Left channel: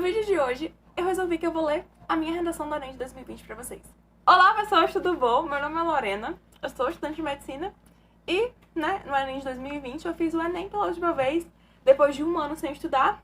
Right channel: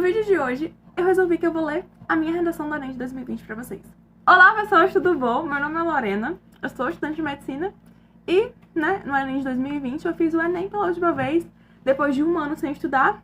No vídeo de hoje, eu resolvi que eu vou ler a minha redação do Enem de 2020 pra vocês. Olá, pessoas, tudo bom? Meu nome é Lorena, eu sou estudante de medicina e, no Enem de 2020 eu fiz o Enem pela última vez, depois de um ano sem estudar,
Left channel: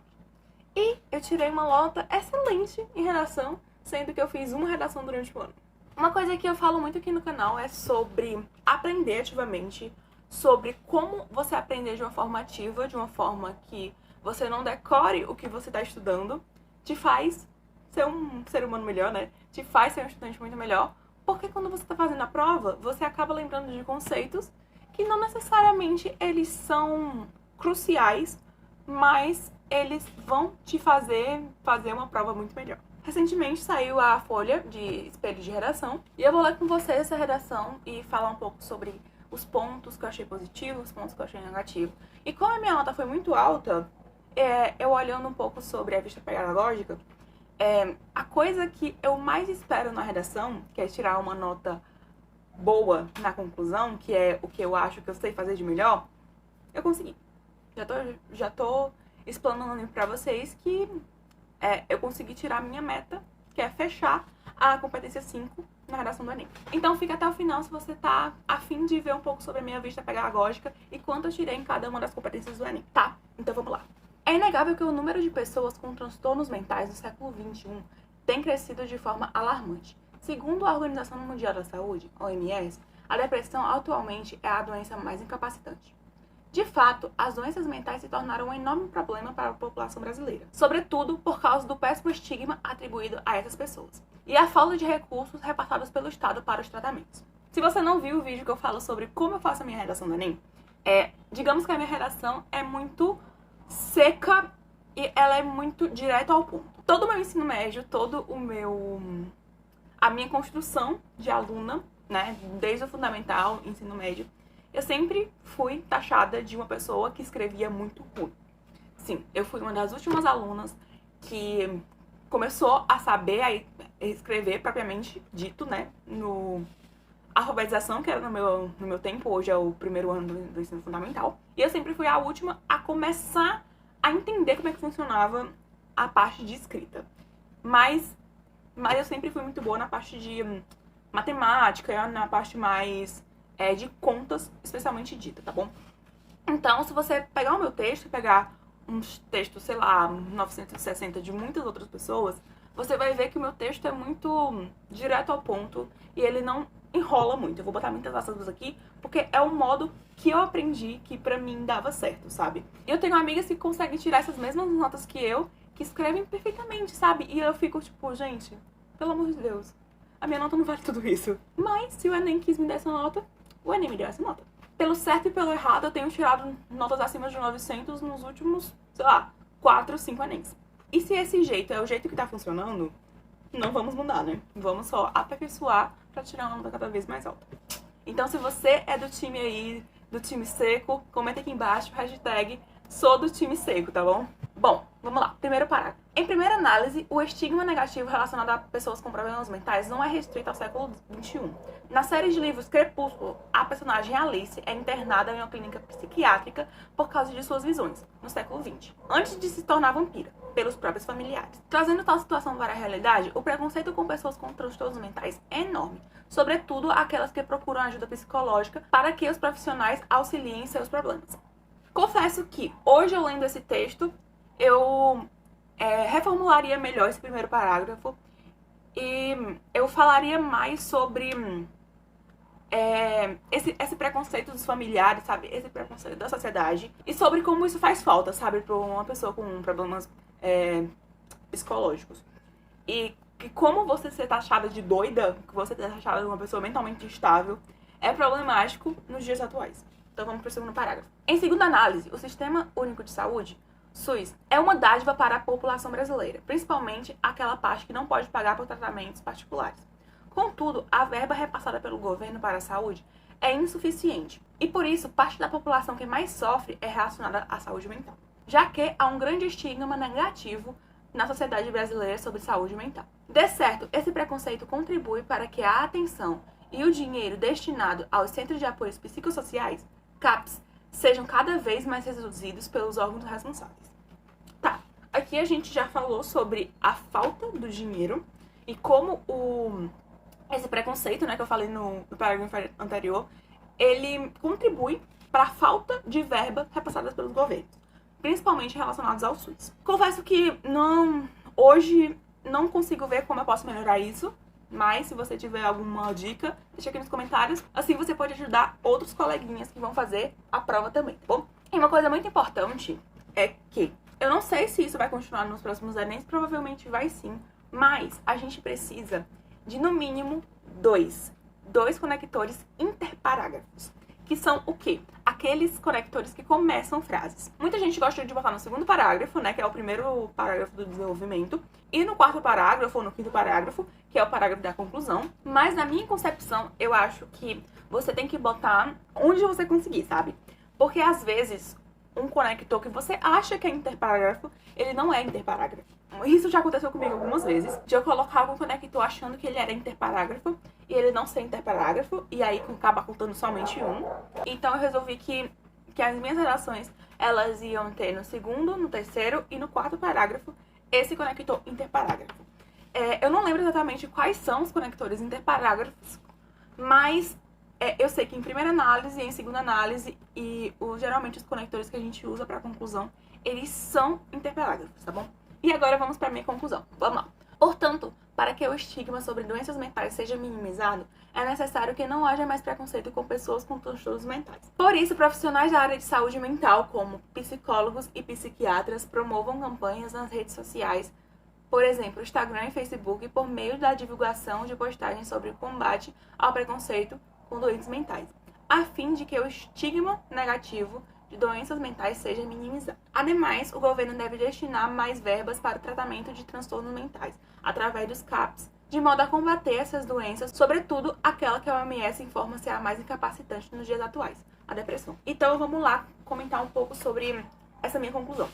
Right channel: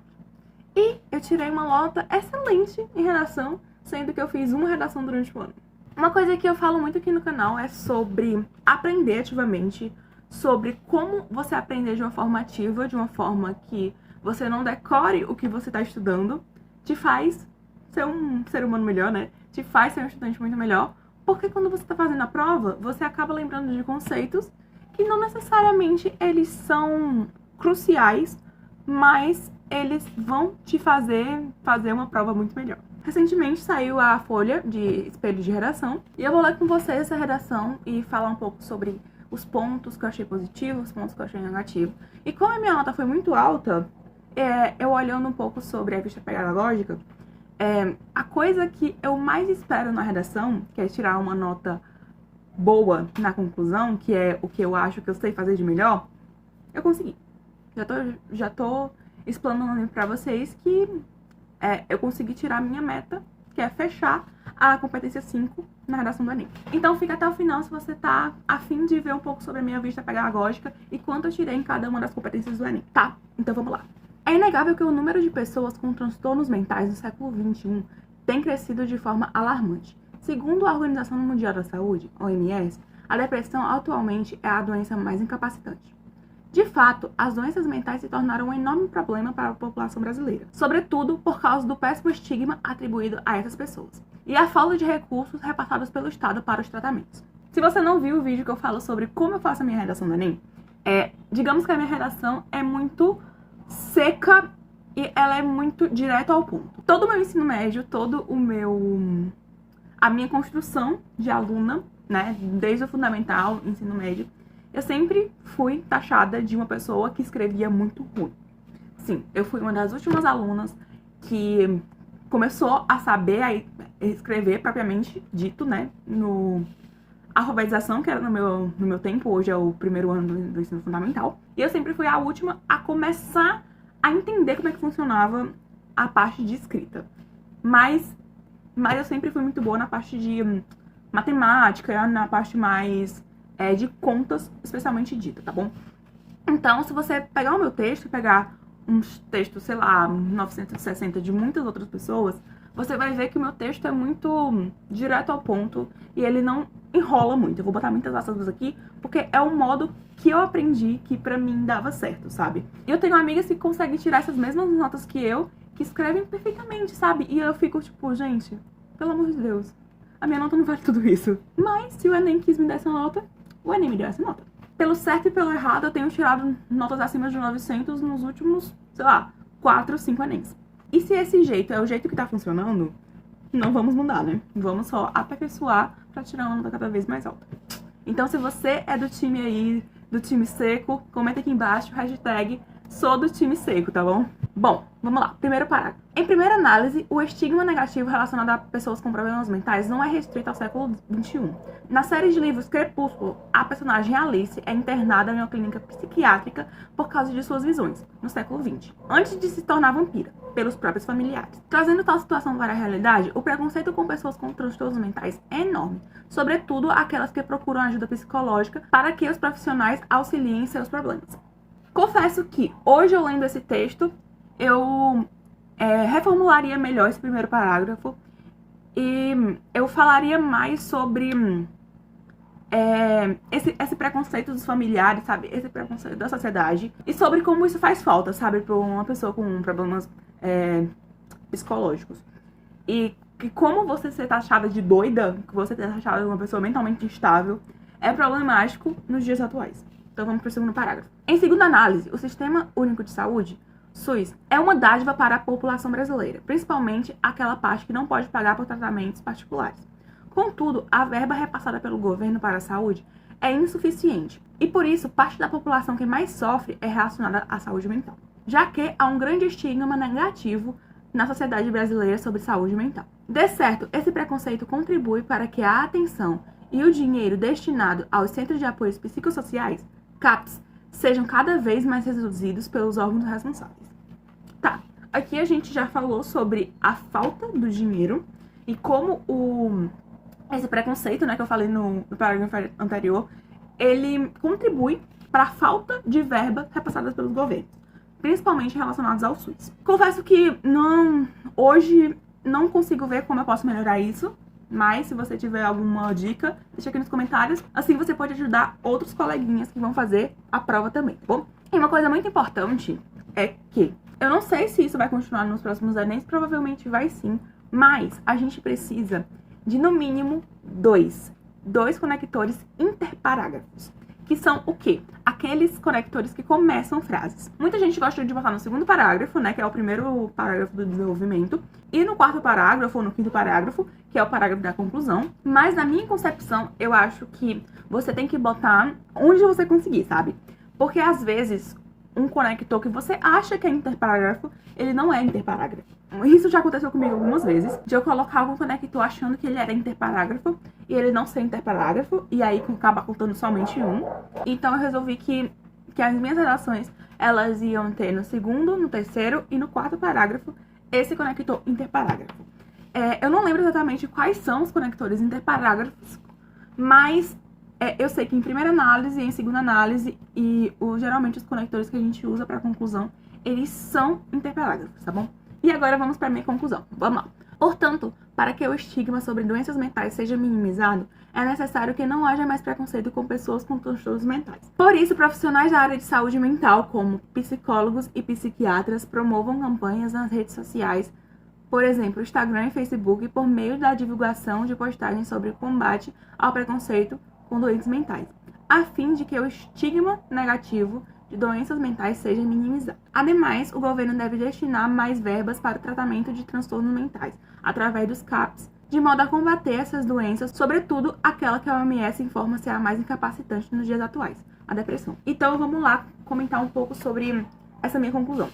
e eu tirei uma nota excelente em redação, sendo que eu fiz uma redação durante o ano. Uma coisa que eu falo muito aqui no canal é sobre aprender ativamente, sobre como você aprender de uma forma ativa, de uma forma que você não decore o que você está estudando, te faz ser um ser humano melhor, né? Te faz ser um estudante muito melhor, porque quando você está fazendo a prova, você acaba lembrando de conceitos que não necessariamente eles são cruciais, mas eles vão te fazer uma prova muito melhor. Recentemente saiu a folha de espelho de redação e eu vou ler com vocês essa redação e falar um pouco sobre os pontos que eu achei positivos, os pontos que eu achei negativos. E como a minha nota foi muito alta, eu olhando um pouco sobre a vista pedagógica, a coisa que eu mais espero na redação, que é tirar uma nota boa na conclusão, que é o que eu acho que eu sei fazer de melhor, eu consegui. Já tô explanando pra vocês que eu consegui tirar a minha meta, que é fechar a competência 5 na redação do Enem. Então fica até o final se você tá a fim de ver um pouco sobre a minha vista pedagógica e quanto eu tirei em cada uma das competências do Enem, tá? Então vamos lá. É inegável que o número de pessoas com transtornos mentais no século XXI tem crescido de forma alarmante. Segundo a Organização Mundial da Saúde, OMS, a depressão atualmente é a doença mais incapacitante. De fato, as doenças mentais se tornaram um enorme problema para a população brasileira, sobretudo por causa do péssimo estigma atribuído a essas pessoas e a falta de recursos repassados pelo Estado para os tratamentos. Se você não viu o vídeo que eu falo sobre como eu faço a minha redação do Enem, digamos que a minha redação é muito seca e ela é muito direto ao ponto. Todo o meu ensino médio, a minha construção de aluna, né, desde o fundamental, ensino médio, eu sempre fui taxada de uma pessoa que escrevia muito ruim. Sim, eu fui uma das últimas alunas que começou a saber escrever propriamente dito, né, no alfabetização, que era no meu tempo, hoje é o primeiro ano do ensino fundamental. E eu sempre fui a última a começar a entender como é que funcionava a parte de escrita. Mas eu sempre fui muito boa na parte de matemática, na parte mais de contas, especialmente dita, tá bom? Então, se você pegar o meu texto, pegar uns textos, sei lá, 960 de muitas outras pessoas, você vai ver que o meu texto é muito direto ao ponto e ele não enrola muito. Eu vou botar muitas aspas aqui, porque é um modo que eu aprendi que pra mim dava certo, sabe? E eu tenho amigas que conseguem tirar essas mesmas notas que eu, que escrevem perfeitamente, sabe? E eu fico tipo, gente, pelo amor de Deus, a minha nota não vale tudo isso. Mas se o Enem quis me dar essa nota, o Enem me deu essa nota. Pelo certo e pelo errado, eu tenho tirado notas acima de 900 nos últimos, sei lá, 4, 5 Enems. E se esse jeito é o jeito que tá funcionando, não vamos mudar, né? Vamos só aperfeiçoar pra tirar uma nota cada vez mais alta. Então, se você é do time aí, do time seco, comenta aqui embaixo, hashtag sou do time seco, tá bom? Bom, vamos lá. Primeiro parágrafo. Em primeira análise, o estigma negativo relacionado a pessoas com problemas mentais não é restrito ao século XXI. Na série de livros Crepúsculo, a personagem Alice é internada em uma clínica psiquiátrica por causa de suas visões, no século XX, antes de se tornar vampira, pelos próprios familiares. Trazendo tal situação para a realidade, o preconceito com pessoas com transtornos mentais é enorme, sobretudo aquelas que procuram ajuda psicológica para que os profissionais auxiliem em seus problemas. Confesso que, hoje eu lendo esse texto, eu reformularia melhor esse primeiro parágrafo e eu falaria mais sobre esse preconceito dos familiares, sabe? Esse preconceito da sociedade e sobre como isso faz falta, sabe? Para uma pessoa com problemas psicológicos. E que como você ser taxada de doida, que você ser taxada de uma pessoa mentalmente instável, é problemático nos dias atuais. Então vamos para o segundo parágrafo. Em segunda análise, o Sistema Único de Saúde, SUS, é uma dádiva para a população brasileira, principalmente aquela parte que não pode pagar por tratamentos particulares. Contudo, a verba repassada pelo governo para a saúde é insuficiente e, por isso, parte da população que mais sofre é relacionada à saúde mental, já que há um grande estigma negativo na sociedade brasileira sobre saúde mental. De certo, esse preconceito contribui para que a atenção e o dinheiro destinado aos Centros de Apoios Psicossociais, CAPS, sejam cada vez mais reduzidos pelos órgãos responsáveis. Tá, aqui a gente já falou sobre a falta do dinheiro e como esse preconceito, né, que eu falei no parágrafo anterior, ele contribui para a falta de verba repassada pelos governos, principalmente relacionados ao SUS. Confesso que hoje não consigo ver como eu posso melhorar isso, mas se você tiver alguma dica, deixa aqui nos comentários. Assim você pode ajudar outros coleguinhas que vão fazer a prova também, tá bom? E uma coisa muito importante é que eu não sei se isso vai continuar nos próximos Enems, provavelmente vai sim, mas a gente precisa de no mínimo dois conectores interparágrafos. Que são o quê? Aqueles conectores que começam frases. Muita gente gosta de botar no segundo parágrafo, né, que é o primeiro parágrafo do desenvolvimento, e no quarto parágrafo ou no quinto parágrafo, que é o parágrafo da conclusão. Mas na minha concepção, eu acho que você tem que botar onde você conseguir, sabe? Porque às vezes um conector que você acha que é interparágrafo, ele não é interparágrafo. Isso já aconteceu comigo algumas vezes, de eu colocar algum conector achando que ele era interparágrafo e ele não ser interparágrafo, e aí acaba contando somente um. Então eu resolvi que as minhas redações, elas iam ter no segundo, no terceiro e no quarto parágrafo esse conector interparágrafo. Eu não lembro exatamente quais são os conectores interparágrafos, mas eu sei que em primeira análise e em segunda análise, e geralmente os conectores que a gente usa para conclusão, eles são interparágrafos, tá bom? E agora vamos para a minha conclusão. Vamos lá. Portanto, para que o estigma sobre doenças mentais seja minimizado, é necessário que não haja mais preconceito com pessoas com transtornos mentais. Por isso, profissionais da área de saúde mental, como psicólogos e psiquiatras, promovam campanhas nas redes sociais, por exemplo, Instagram e Facebook, por meio da divulgação de postagens sobre o combate ao preconceito com doentes mentais, a fim de que o estigma negativo de doenças mentais seja minimizado. Ademais, o governo deve destinar mais verbas para o tratamento de transtornos mentais, através dos CAPs, de modo a combater essas doenças, sobretudo aquela que a OMS informa ser a mais incapacitante nos dias atuais, a depressão. Então vamos lá comentar um pouco sobre essa minha conclusão.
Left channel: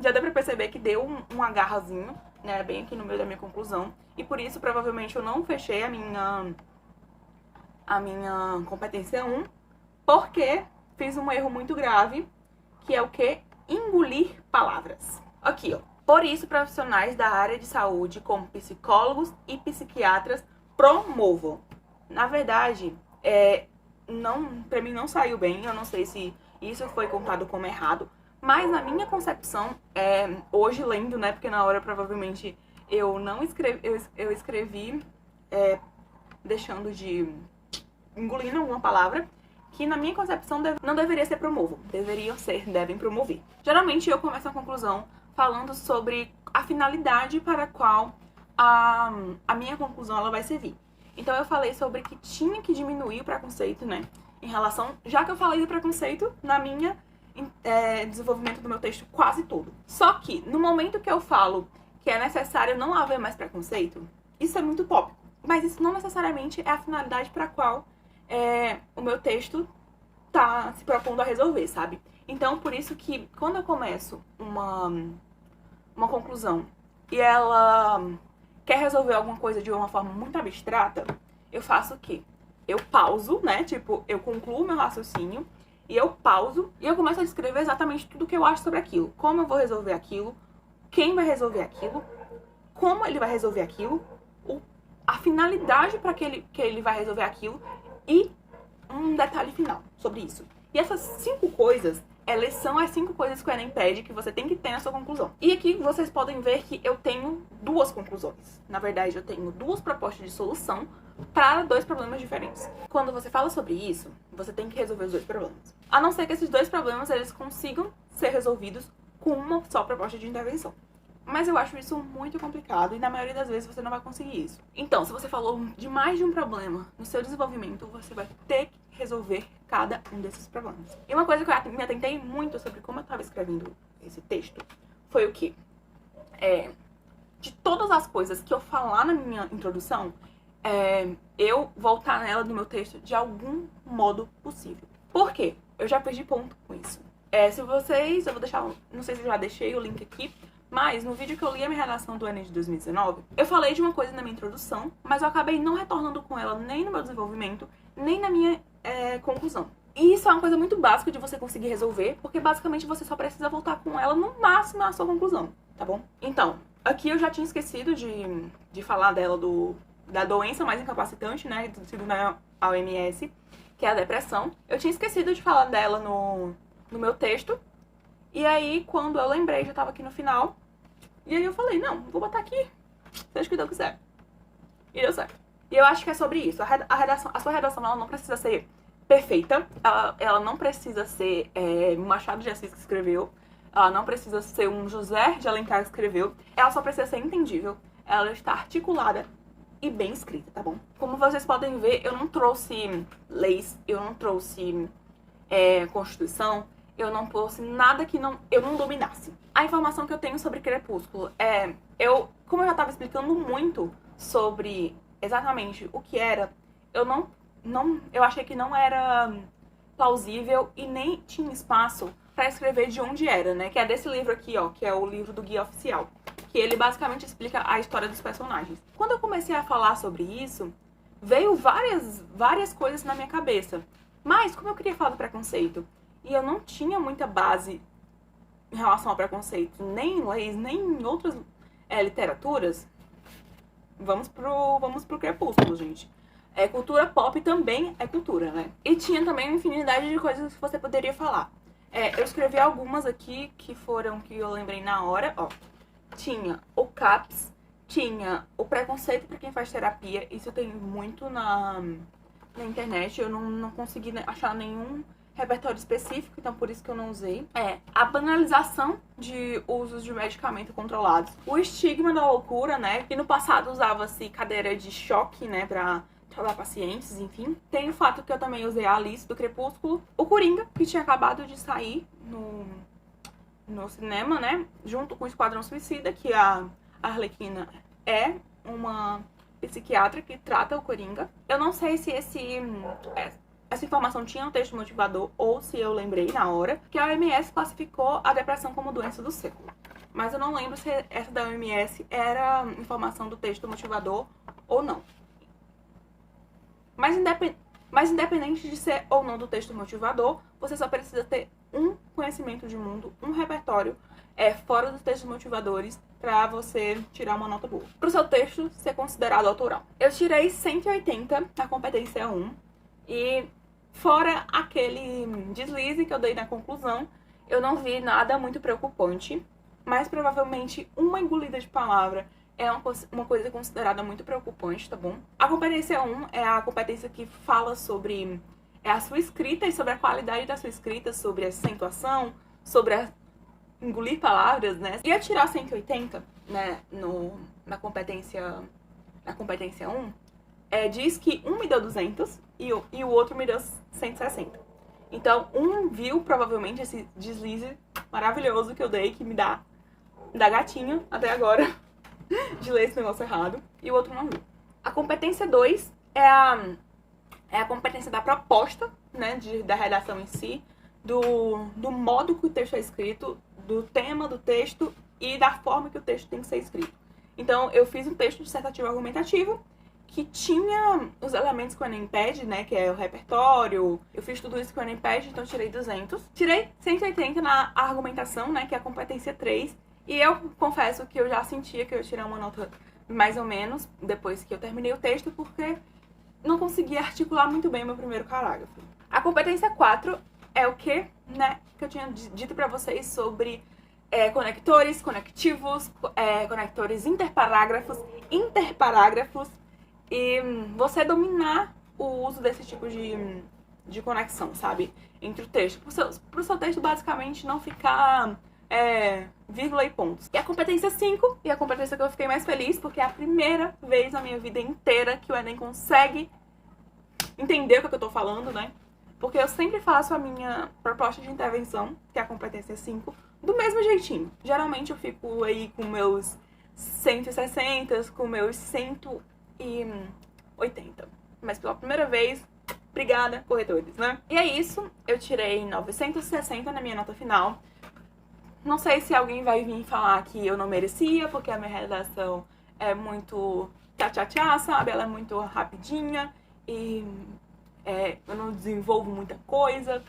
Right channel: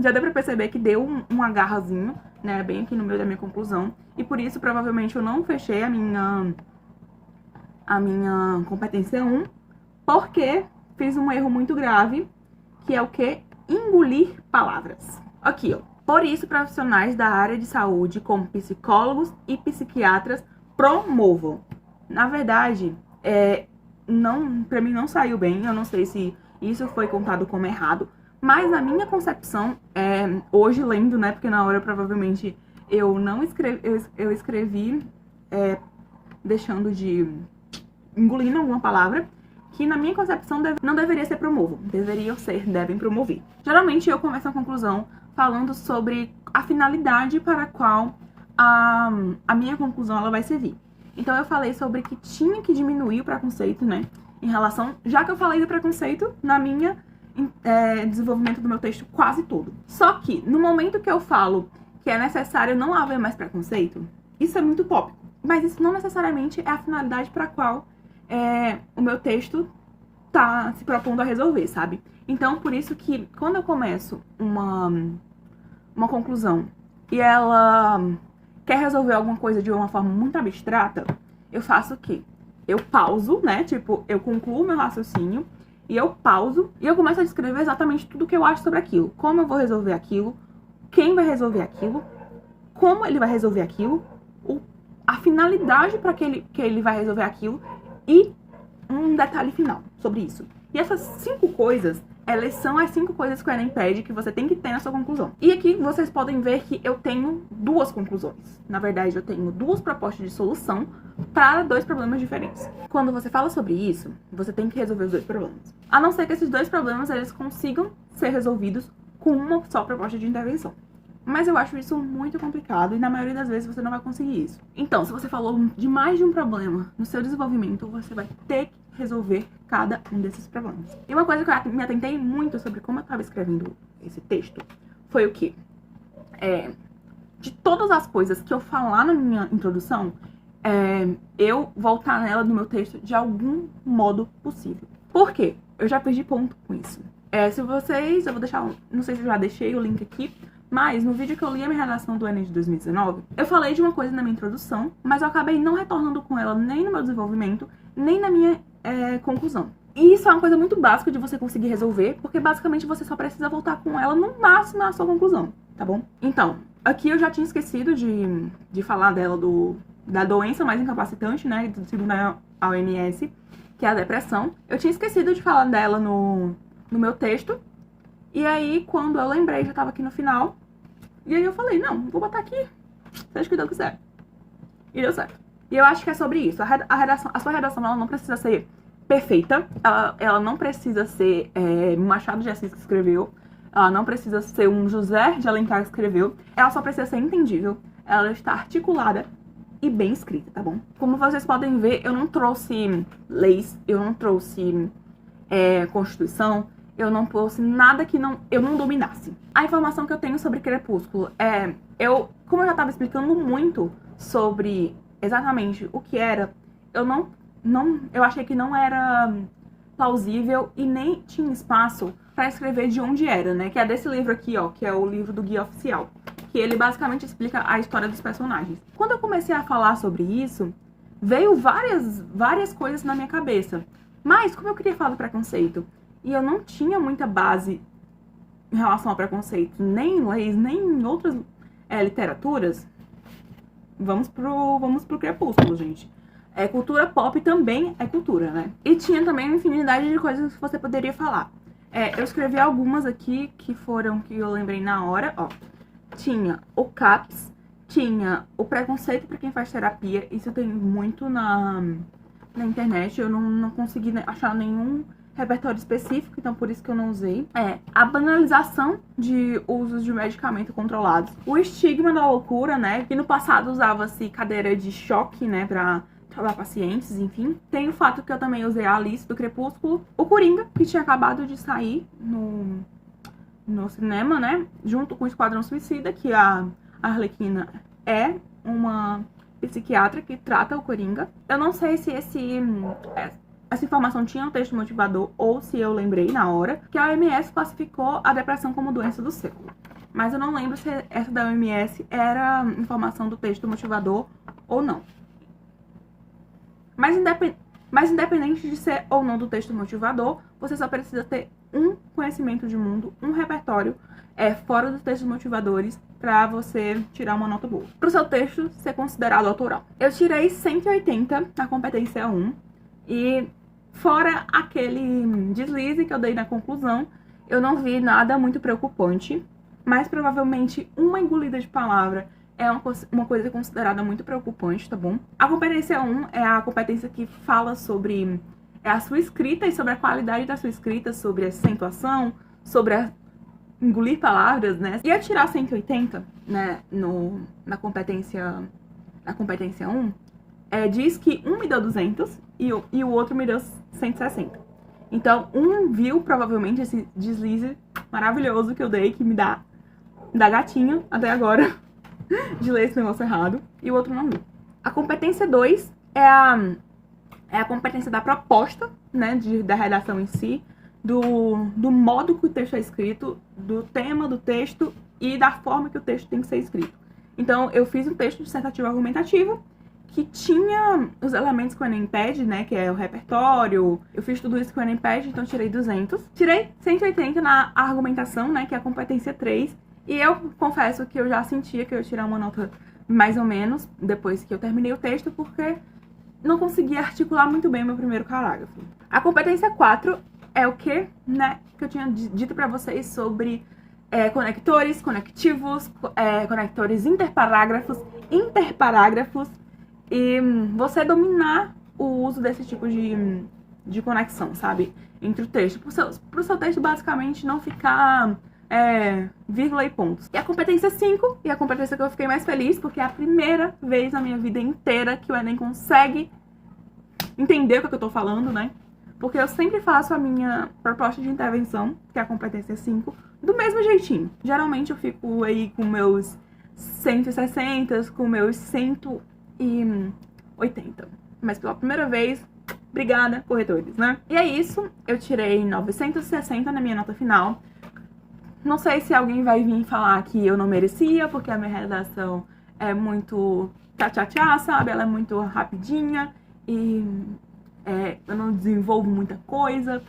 Já deu pra perceber que deu um agarrazinho, né, bem aqui no meio da minha conclusão, e por isso provavelmente eu não fechei a minha competência 1, porque fiz um erro muito grave, que é o que? Engolir palavras. Aqui, ó. Por isso, profissionais da área de saúde, como psicólogos e psiquiatras, promovam. Na verdade, pra mim não saiu bem, eu não sei se isso foi contado como errado, mas na minha concepção, hoje lendo, né, porque na hora provavelmente eu não escrevi, eu escrevi deixando de engolindo alguma palavra, que na minha concepção não deveria ser promovam, devem promover. Geralmente eu começo a conclusão falando sobre a finalidade para a qual a minha conclusão ela vai servir. Então eu falei sobre que tinha que diminuir o preconceito, né, em relação, já que eu falei do preconceito na minha desenvolvimento do meu texto quase todo. Só que no momento que eu falo que é necessário não haver mais preconceito, isso é muito tópico, mas isso não necessariamente é a finalidade para a qual o meu texto tá se propondo a resolver, sabe? Então, por isso que quando eu começo uma conclusão e ela quer resolver alguma coisa de uma forma muito abstrata, eu faço o quê? Eu pauso, né? Tipo, eu concluo meu raciocínio e eu pauso e eu começo a descrever exatamente tudo que eu acho sobre aquilo. Como eu vou resolver aquilo, quem vai resolver aquilo, como ele vai resolver aquilo, a finalidade para que ele vai resolver aquilo e um detalhe final sobre isso. E essas 5 coisas, elas são as 5 coisas que o Enem pede que você tem que ter na sua conclusão. E aqui vocês podem ver que eu tenho 2 conclusões. Na verdade, eu tenho 2 propostas de solução para 2 problemas diferentes. Quando você fala sobre isso, você tem que resolver os 2 problemas. A não ser que esses 2 problemas eles consigam ser resolvidos com uma só proposta de intervenção. Mas eu acho isso muito complicado e na maioria das vezes você não vai conseguir isso. Então, se você falou de mais de um problema no seu desenvolvimento, você vai ter que resolver cada um desses problemas. E uma coisa que eu me atentei muito sobre como eu estava escrevendo esse texto foi o quê? De todas as coisas que eu falar na minha introdução, eu voltar nela no meu texto de algum modo possível. Por quê? Eu já perdi ponto com isso. Eu vou deixar, não sei se eu já deixei o link aqui, mas no vídeo que eu li a minha redação do Enem de 2019, eu falei de uma coisa na minha introdução, mas eu acabei não retornando com ela nem no meu desenvolvimento, nem na minha conclusão. E isso é uma coisa muito básica de você conseguir resolver, porque basicamente você só precisa voltar com ela no máximo na sua conclusão, tá bom? Então, aqui eu já tinha esquecido de falar dela da doença mais incapacitante, né, segundo a OMS, que é a depressão. Eu tinha esquecido de falar dela no meu texto, e aí quando eu lembrei, já tava aqui no final, e aí eu falei, não, vou botar aqui, seja o que Deus quiser. E deu certo. E eu acho que é sobre isso. A sua redação, ela não precisa ser perfeita, ela não precisa ser um Machado de Assis que escreveu, ela não precisa ser um José de Alencar que escreveu, ela só precisa ser entendível, ela está articulada e bem escrita, tá bom? Como vocês podem ver, eu não trouxe leis, eu não trouxe Constituição, eu não trouxe nada que eu não dominasse. A informação que eu tenho sobre Crepúsculo como eu já estava explicando muito sobre exatamente o que era, eu achei que não era plausível e nem tinha espaço para escrever de onde era, né? Que é desse livro aqui, ó, que é o livro do Guia Oficial, que ele basicamente explica a história dos personagens. Quando eu comecei a falar sobre isso, veio várias coisas na minha cabeça. Mas, como eu queria falar do preconceito, e eu não tinha muita base em relação ao preconceito, nem em leis, nem em outras literaturas, vamos pro Crepúsculo, gente. Cultura pop também é cultura, né? E tinha também uma infinidade de coisas que você poderia falar. Eu escrevi algumas aqui que eu lembrei na hora, ó. Tinha o CAPS, tinha o preconceito para quem faz terapia, isso tem muito na internet, eu não consegui achar nenhum repertório específico, então por isso que eu não usei. A banalização de usos de medicamento controlados. O estigma da loucura, né? Que no passado usava-se cadeira de choque, né? Pra tratar pacientes, enfim. Tem o fato que eu também usei a Alice do Crepúsculo. O Coringa, que tinha acabado de sair no cinema, né? Junto com o Esquadrão Suicida, que a Arlequina é uma psiquiatra que trata o Coringa. Eu não sei se essa informação tinha no texto motivador ou se eu lembrei na hora, que a OMS classificou a depressão como doença do século. Mas eu não lembro se essa da OMS era informação do texto motivador ou não. Mas independente de ser ou não do texto motivador, você só precisa ter um conhecimento de mundo, um repertório fora dos textos motivadores para você tirar uma nota boa. Para o seu texto ser considerado autoral. Eu tirei 180 na competência 1 e fora aquele deslize que eu dei na conclusão, eu não vi nada muito preocupante, mas provavelmente uma engolida de palavra é uma coisa considerada muito preocupante, tá bom? A competência 1 é a competência que fala sobre a sua escrita e sobre a qualidade da sua escrita, sobre a acentuação, sobre engolir palavras, né? E a tirar 180, né, na competência 1, diz que um me deu 200 e o outro me deu 160. Então, um viu provavelmente esse deslize maravilhoso que eu dei, que me dá gatinho até agora de ler esse negócio errado, e o outro não viu. A competência 2 é a competência da proposta, né, da redação em si, do modo que o texto é escrito, do tema do texto e da forma que o texto tem que ser escrito. Então, eu fiz um texto dissertativo argumentativo que tinha os elementos que o Enem pede, né, que é o repertório. Eu fiz tudo isso que o Enem pede, então tirei 200. Tirei 180 na argumentação, né, que é a competência 3. E eu confesso que eu já sentia que eu ia tirar uma nota mais ou menos depois que eu terminei o texto, porque não conseguia articular muito bem o meu primeiro parágrafo. A competência 4 é o que, né, que eu tinha dito pra vocês sobre conectores, conectivos, conectores interparágrafos e você dominar o uso desse tipo de conexão, sabe, entre o texto. Pro seu texto basicamente não ficar vírgula e pontos. E a competência 5, e a competência que eu fiquei mais feliz, porque é a primeira vez na minha vida inteira que o Enem consegue entender o que eu tô falando, né? Porque eu sempre faço a minha proposta de intervenção, que é a competência 5, do mesmo jeitinho. Geralmente eu fico aí com meus 160, com meus 180. Mas pela primeira vez, obrigada, corretores, né? E é isso, eu tirei 960 na minha nota final. Não sei se alguém vai vir falar que eu não merecia, porque a minha redação é muito tchá-tchá-tchá, sabe? Ela é muito rapidinha e eu não desenvolvo muita coisa.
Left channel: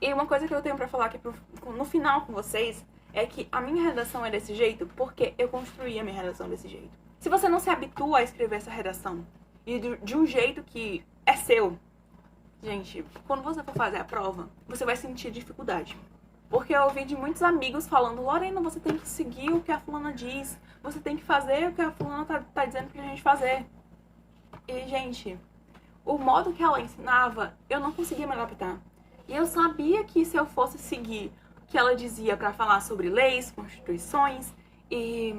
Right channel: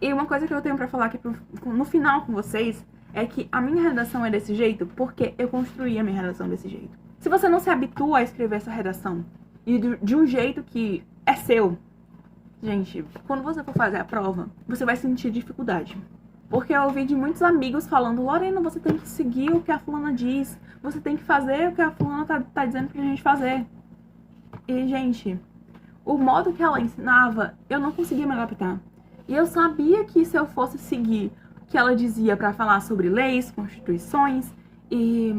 E uma coisa que eu tenho pra falar aqui no final com vocês é que a minha redação é desse jeito porque eu construí a minha redação desse jeito. Se você não se habitua a escrever essa redação e de um jeito que é seu, gente, quando você for fazer a prova, você vai sentir dificuldade. Porque eu ouvi de muitos amigos falando: Lorena, você tem que seguir o que a fulana diz, você tem que fazer o que a fulana tá dizendo pra gente fazer. E, gente, o modo que ela ensinava, eu não conseguia me adaptar. E eu sabia que se eu fosse seguir o que ela dizia pra falar sobre leis, constituições e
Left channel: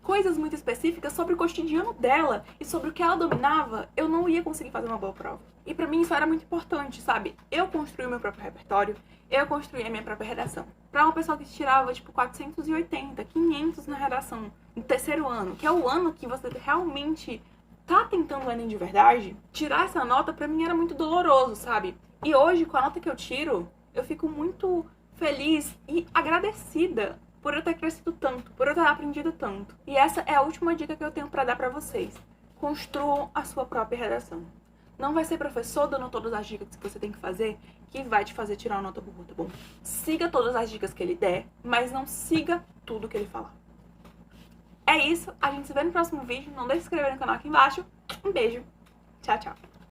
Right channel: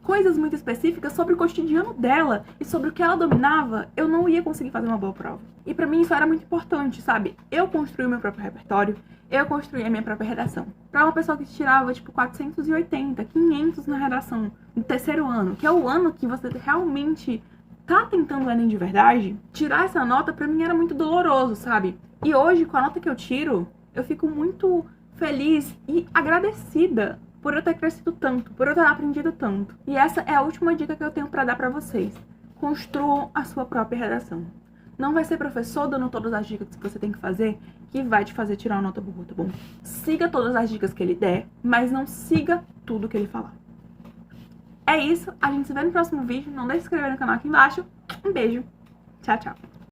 coisas muito específicas sobre o cotidiano dela e sobre o que ela dominava, eu não ia conseguir fazer uma boa prova. E pra mim isso era muito importante, sabe? Eu construí o meu próprio repertório, eu construí a minha própria redação. Pra uma pessoa que tirava, tipo, 480, 500 na redação no terceiro ano, que é o ano que você realmente tá tentando o Enem de verdade, tirar essa nota pra mim era muito doloroso, sabe? E hoje, com a nota que eu tiro, eu fico muito feliz e agradecida por eu ter crescido tanto, por eu ter aprendido tanto. E essa é a última dica que eu tenho pra dar pra vocês. Construam a sua própria redação. Não vai ser professor dando todas as dicas que você tem que fazer que vai te fazer tirar uma nota boa, tá bom? Siga todas as dicas que ele der, mas não siga tudo que ele falar. É isso, a gente se vê no próximo vídeo. Não deixe de se inscrever no canal aqui embaixo. Um beijo. Tchau, tchau.